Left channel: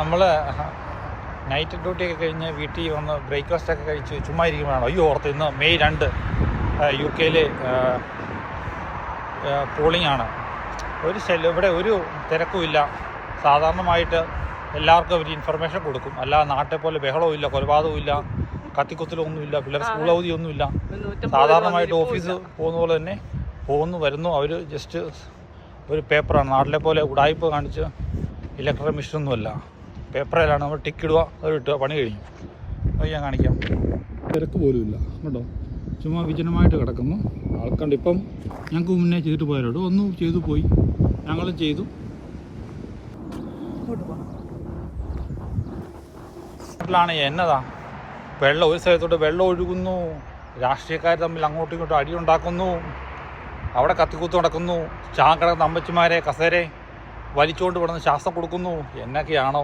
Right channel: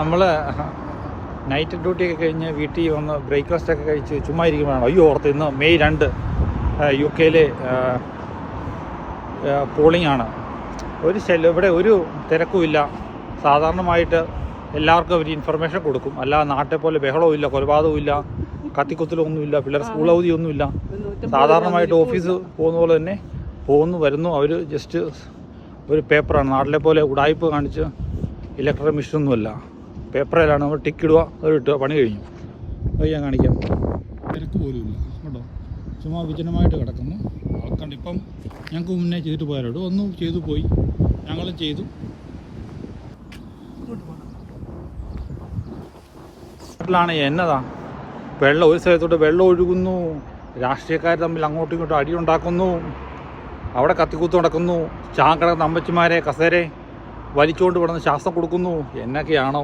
നമ്മൾ നൈറ്റ് ഡ്യൂട്ടിയൊക്കെ കഴിഞ്ഞ് വീട്ടിൽ വന്ന് ബ്രേക്ക്ഫാസ്റ്റൊക്കെ കഴിച്ച് ചുമ്മാ ഇരിക്കുമ്പോഴാണ് അയ്യോ ഓർത്ത് ഇന്ന് മെയ് 2 UK പോളിംഗ് ആണ്. ഇവിടെ ഒരു തിരക്കുമില്ല. സാധാരണമായിട്ട് എല്ലാവർക്കും ഒരു ഇൻഫർമേഷൻ കൊടുക്കും. അല്ലാതെ നാട്ടിൽ പോലെ ബഹളവും ഇല്ല, കൊലപാതകവും ഇല്ല, കത്തിക്കുത്തലൊന്നുമില്ല, പിള്ളേർ സ്കൂൾ അവധിയൊന്നുമില്ല. സാധാരണമായിട്ട് ഓഫീസ് പോകുന്ന പോലെ തന്നെ പോകുന്നു വരുന്നു. അവർ ജസ്റ്റ് ഒരു പേപ്പറാണ്. നാട്ടിലെ പോലെ ഉടായ്പ കാണിച്ച് ഇലക്ട്രിക് മെഷീനൊന്നുമല്ല, പേപ്പറിലാണ് നമ്മൾ ടിക്ക് ഇടുക, അത് ഇട്ട് പണി കഴിഞ്ഞു. അത് ഞാൻ കാണിക്കാം. തിരക്ക് പോലുമില്ല കേട്ടോ, ചുമ്മാ വിജനമായിട്ട് കിടക്കുന്നു. ആൾക്കണ്ട് ഇപ്പം ഞങ്ങൾക്ക് മുന്നേ ചെയ്തിട്ട് പോയാലോട് ഒന്നും ചെയ്തു പോയി, ഞങ്ങളും ചെയ്തു. നാട്ടിലാണ് എന്നതാ വെള്ളം, ഒരു സ്ഥലത്തോട്ട് വെള്ളം ഒഴുകുന്നു, രാഷ്ട്രീയക്കാർ തമ്മിൽ അങ്ങോട്ടും ഇങ്ങോട്ടും അടിയുണ്ടാക്കുന്നു, അവിടെ കത്തിക്കുത്ത് നടക്കുന്നു, കിടക്കുന്ന അമ്മച്ചിമാരെ കസേരെ വലിച്ചുകൊണ്ട് കിടന്ന് ശ്വാസം കൊടുക്കുന്നു. എന്നൊക്കെയാണോ